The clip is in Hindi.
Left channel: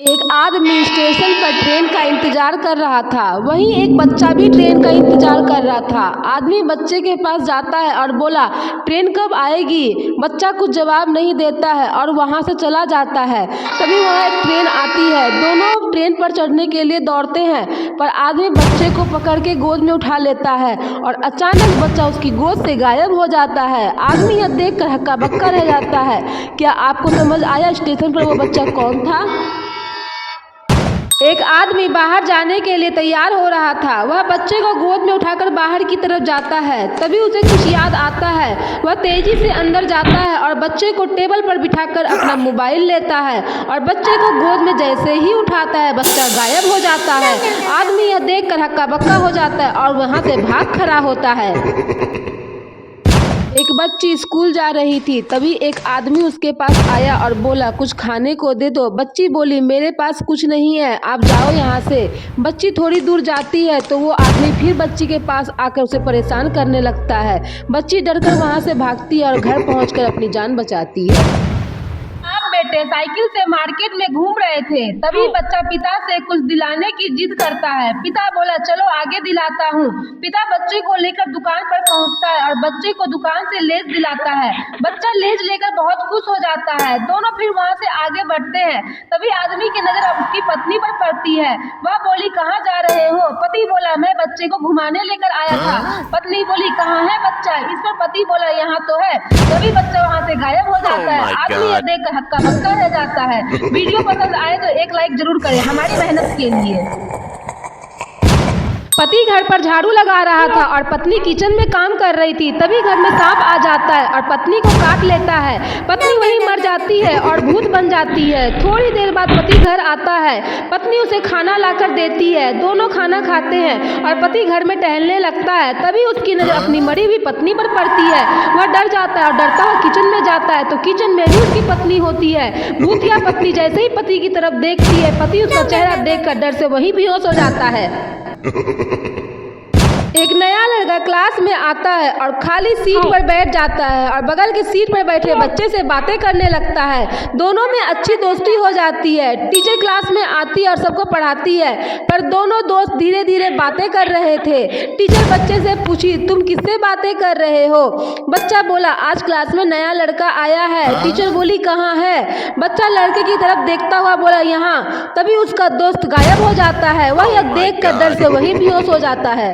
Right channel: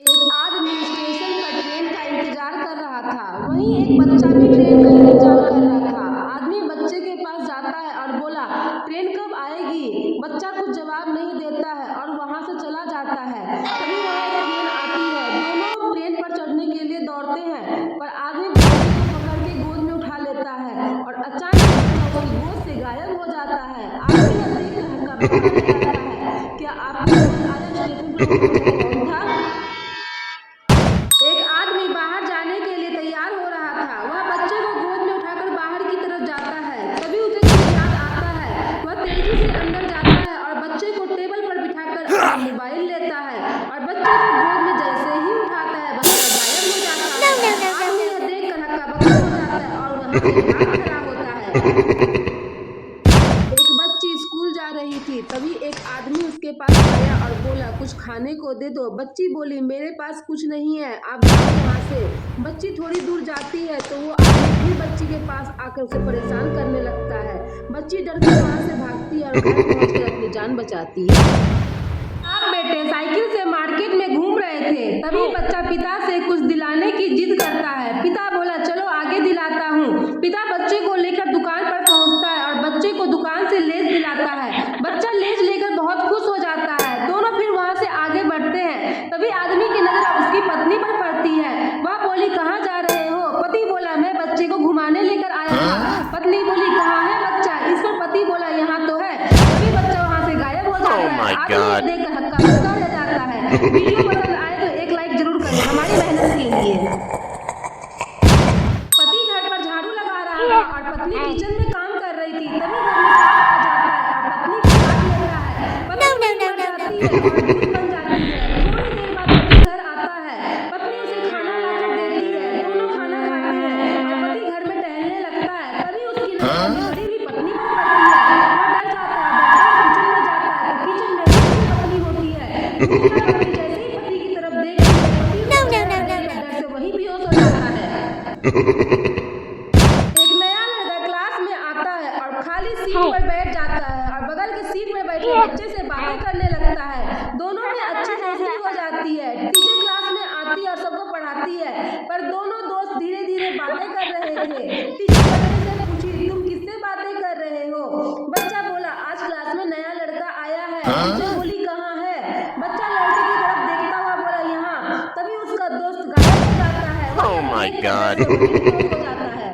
एक आदमी स्टेशन पर ट्रेन का इंतजार कर रहा था। वहीं एक बच्चा भी ट्रेन का इंतजार कर रहा था। आदमी बच्चे के पास जाता है और बोला, ट्रेन कब आएगी? बच्चा कुछ जवाब नहीं देता है और वहां से चला जाता है। तभी वहां एक ट्रेन आती है। दोनों ट्रेन पर चढ़ने के लिए दौड़ते हैं, पर आदमी बच्चे को पकड़ के गोद में उठा लेता है और अचानक बच्चा उसकी गोद से गायब हो जाता है। आदमी यह देख कर हक्का बक्का रह जाता है। क्या आपको समझ आया स्टेशन पर वो बच्चा कौन था? एक आदमी बाहर जाने के लिए तैयार हो रहा था। वह बच्चे को गोद में उठाकर बाहर की तरफ जाता है। तभी उसे कुछ याद आता है। वह तेजी से अंदर जाता है और बच्चे को टेबल पर बिठाकर अपना मोबाइल लेता है और बच्चे को गोद में जैसे ही उठाता है, बच्चा गायब हो जाता है। आदमी यह देखकर हक्का बक्का हो जाता है और वहां से भाग खड़ा होता है। एक बच्ची स्कूल जा रही थी। तभी एक आदमी उसके पास आया और बोला, कुछ खाने को दे दो। बच्ची बोली, मेरे पास कुछ नहीं है, आप जाओ यहाँ से। बच्ची थोड़ी दूर जाती है तो वो आदमी फिर बच्ची के पास आकर उसे परेशान करने लगता है। बच्ची डरकर वहाँ से भागती है और घर पहुँचकर अपनी जान बचाती है। आप बेटे साइकिल से मार्केट में घूम रहे थे। तभी बच्चा पिता से कुछ दिलाने की जिद करता है। पिता बोला, चलो आगे दिलाता हूँ। पिता बच्चे को लेकर दुकान पर पहुँचता है और बच्चे को दुकान से लेज दिलाता है। बच्चा लेज लेकर बहुत खुश हो जाता है। दोनों फिर वहाँ से आगे बढ़ते हैं। तभी आदमी की नजर उसकी पत्नी पर पड़ती है। वह बोली, कहाँ जा रहे हो? पति बोला, मैं बच्चे को घुमाने लेकर आया था। पत्नी बोली, कहाँ है बच्चा? इस पर पति बोला, यहाँ तो है। तभी बच्चा वहाँ से गायब हो जाता है। आदमी देखकर हक्का बक्का रह जाता है। वीडियो पसंद आए तो एक लाइक जरूर करें हमारी मेहनत के लिए। पति घर पर झाड़ू लगा रहा था और पत्नी किचन में काम कर रही थी। तभी घर में सांप आ जाता है और पत्नी को काट लेता है। पत्नी वहीं मर जाती है और भूत बन जाती है। थोड़ी देर बाद पति घर आता है। पत्नी उसे खाना लाकर देती है। दोनों खाना खाते हैं और पति घर में टहलने लगता है। तभी उसकी नजर अपनी मरी हुई पत्नी पर पड़ती है। वह डर जाता है और डरता हुआ किचन में जाता है तो किचन में भी उसकी पत्नी होती है। भूतिया पत्नी जैसे ही पति की तरफ देखती है, पति उसका चेहरा देखकर डर से वहीं बेहोश हो जाता है। एक नया लड़का क्लास में आता है और खाली सीट पर बैठ जाता है और बगल की सीट पर बैठे बच्चे से बातें करने लगता है। दोनों में अच्छी दोस्ती हो जाती है। टीचर क्लास में आती है और सबको पढ़ाती है, पर दोनों दोस्त धीरे धीरे बातें कर रहे थे। टीचर बच्चे से पूछी, तुम किससे बातें कर रहे हो? बच्चा बोला, आज क्लास में नया लड़का आया है। टीचर बोली, कहाँ है? बच्चा लड़के की तरफ देखता हुआ बोला, यहाँ। तभी उसका दोस्त गायब हो जाता है। वह यह देख कर डर से वहीं बेहोश हो जाता है।